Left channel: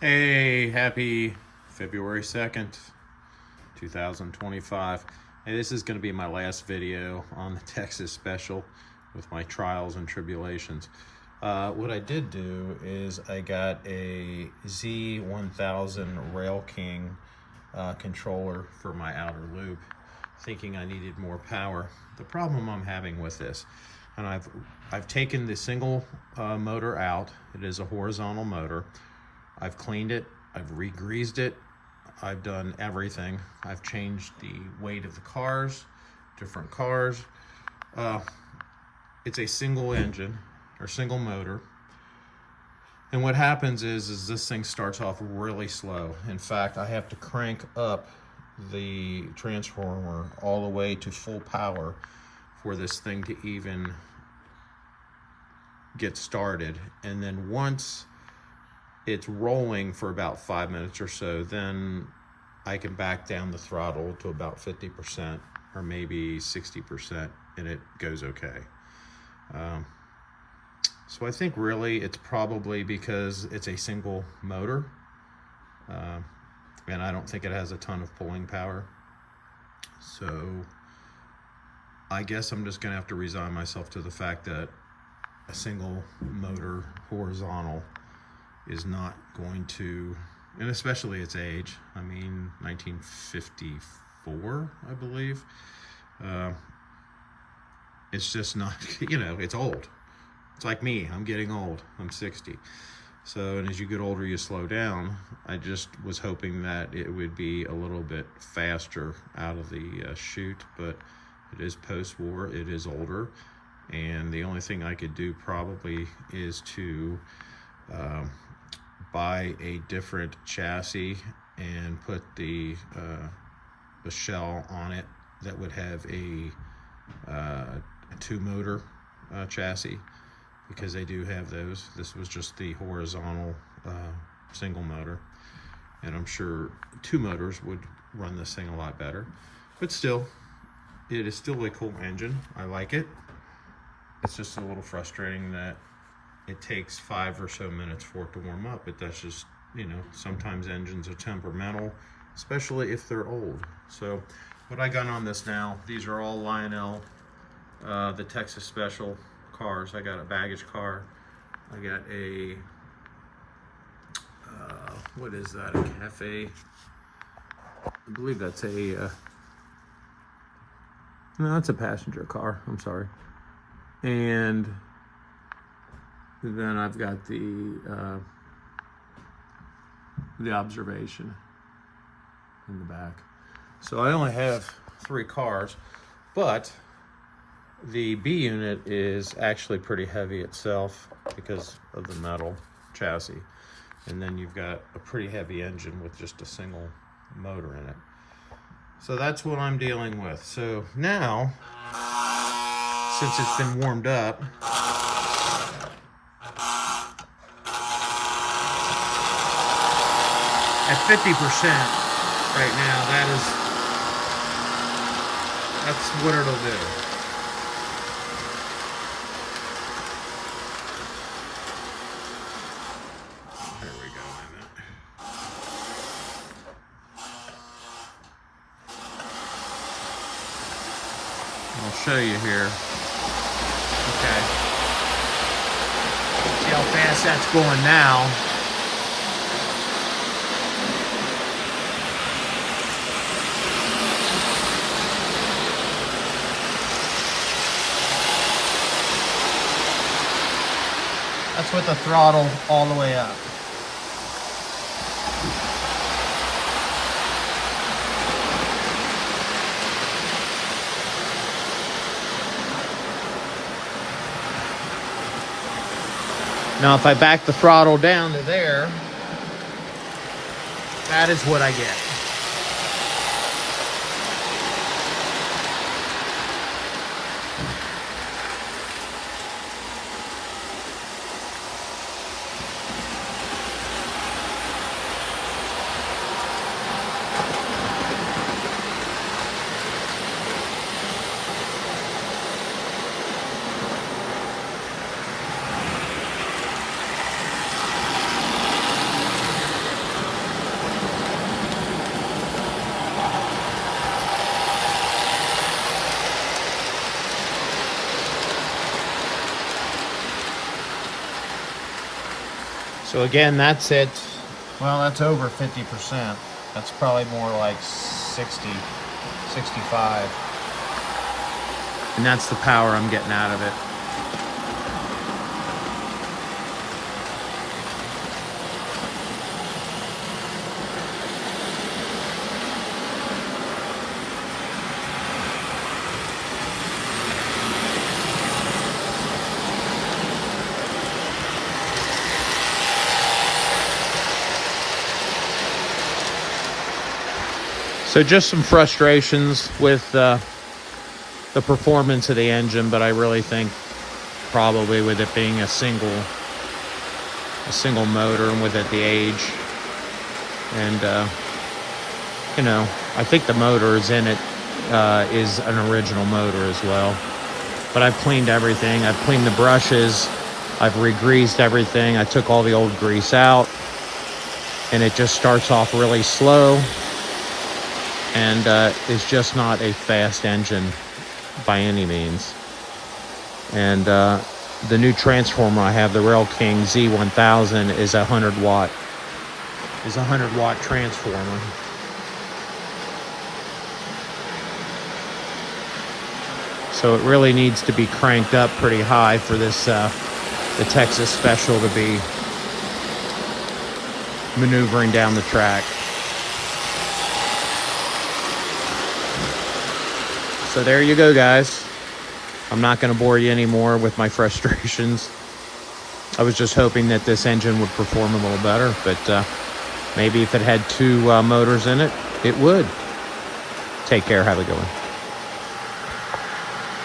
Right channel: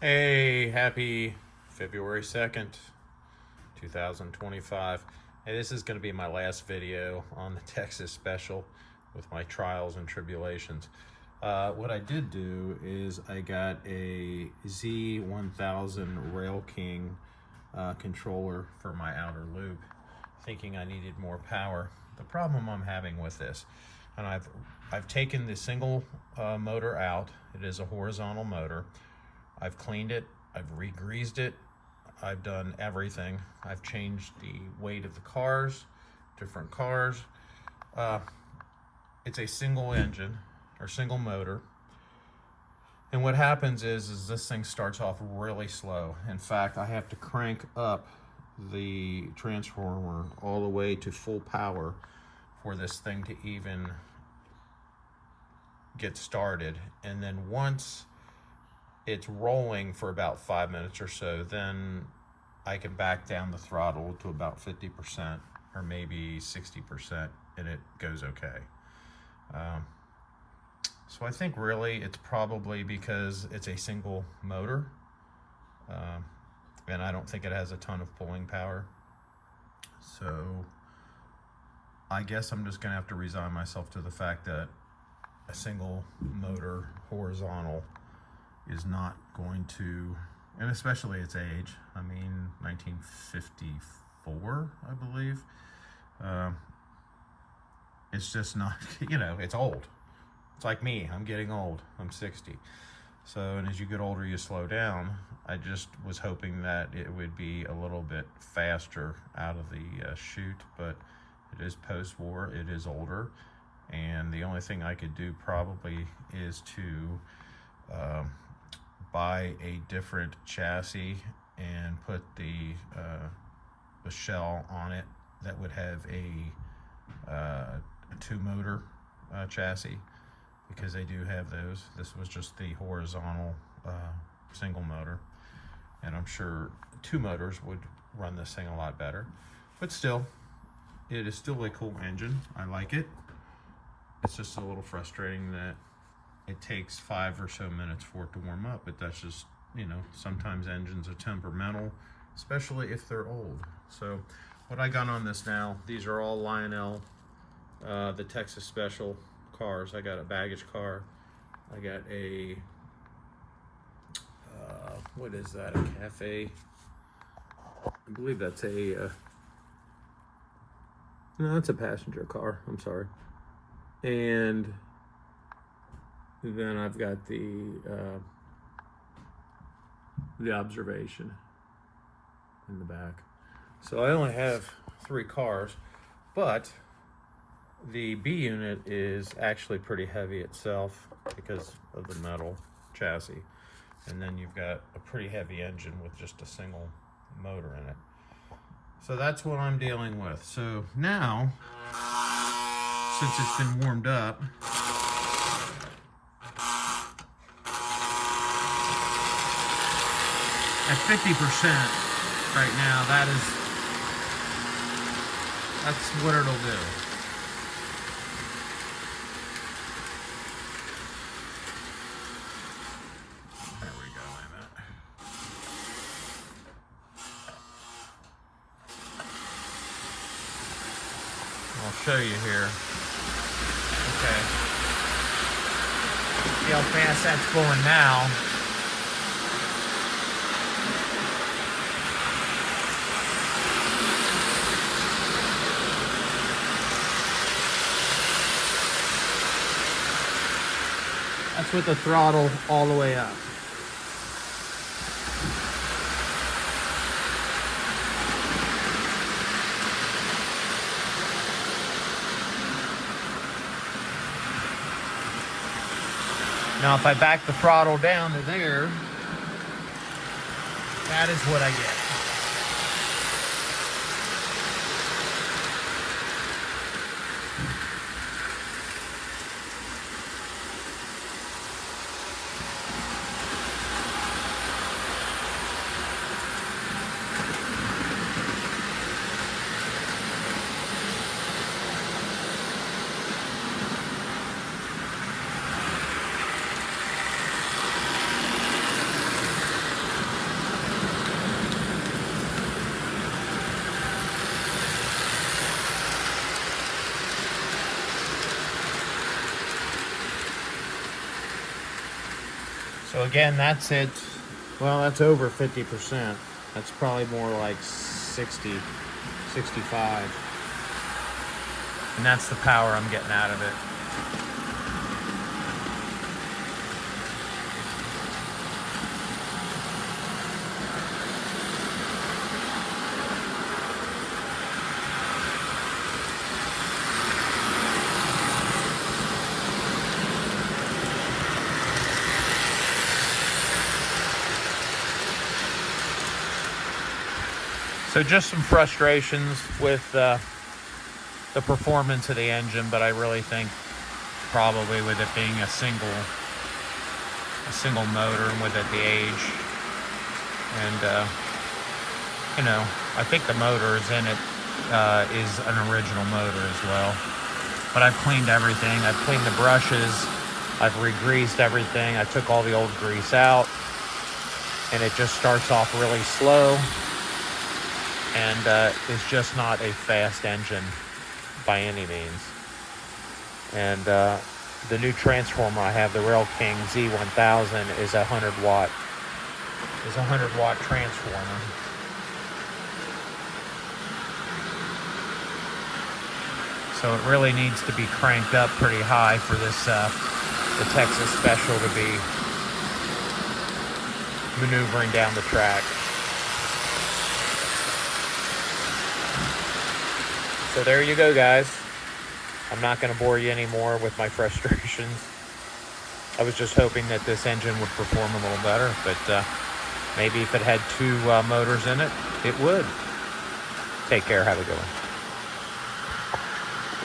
Hey, happy February 2nd, 2025. Hey, this is going to be my last video on the Texas special with my trials and tribulations. What I did do is I got a Z1000 Rail King controller for my outer loop, thinking I needed more power. The problem I'm having with this, and I've taken the single motor out. It is a horizontal motor. I've cleaned it, I've re-greased it, I've done everything. I've changed the weight of the cars, different cars. It's a single engine or single motor. And what happens is this thing starts off really slow. In fact, I have to crank up the transformer all the way to full power for this thing to even get started. And then once it's rolling for about 5 minutes or so, then I can back down the throttle to about 50% or maybe 60%, and it goes okay. So I think really it's probably because it's a single motor, and I don't think it has a ton of pulling power. So I guess I'm just gonna have to resign myself to the fact that a single motor horizontal is not going to, and especially its age, I mean 1954 I believe, it's just not, it's old. It's like me, I'm getting old, I'm 60. So, and as you get older you slow down. I just was hoping that it would be a little bit faster out of the chute, but it is post-war, it is older, and the only thing I could do probably is to buy a different chassis and put the shell on it that would have a two motor chassis, because they do have those. This was just the horizontal single motor, and I'm sure two motors would run this thing a lot better. But still, it is still a cool engine. I like it. It's just a little frustrating that it takes 5 or so minutes for it to warm up, but that's just, sometimes engines are temperamental, especially if they're old. So what I got on this now, these are all Lionel, the Texas Special cars. I got a baggage car. I got a, what is that, a cafe? I believe that's a, no, that's a passenger car, I'm sorry. And then I've got the observation in the back. So I only have 3 cars, but the B unit is actually pretty heavy itself because of the metal chassis. And then you've got a pretty heavy engine with just a single motor in it. So that's what I'm dealing with. So now, since it's been warmed up, at 50% right now, that's what it'll do. There we go, wait a minute. I'll show you here. Okay. See how fast that's going now. That's with the throttle all the way up. Now if I back the throttle down to there, that is what I get. So again, that's it. Well, that's over 50%. That's probably more like 60, 65. And that's the power I'm getting out of it. So just some frustrations with the performance of the engine, but I really think probably with it being a single motor and with it the age, and you know, I think the motor is in it is an original motor as well. But I've cleaned everything. I've cleaned the brushes. I've re-greased everything. I took all the old grease out, and it just starts off really slow. And it's just not a fast engine by any means. And the new transformer I have, the Rail King Z1000, is a 100 watt transformer. So it really needs to be cranked up pretty high for this the Texas Special to be maneuvering down the track. So there you go, guys. I'm not going to bore you anymore with my frustrations. I was just hoping that this engine would perform a little better, but maybe if it had two motors in it, it would. Take care. Have a good one.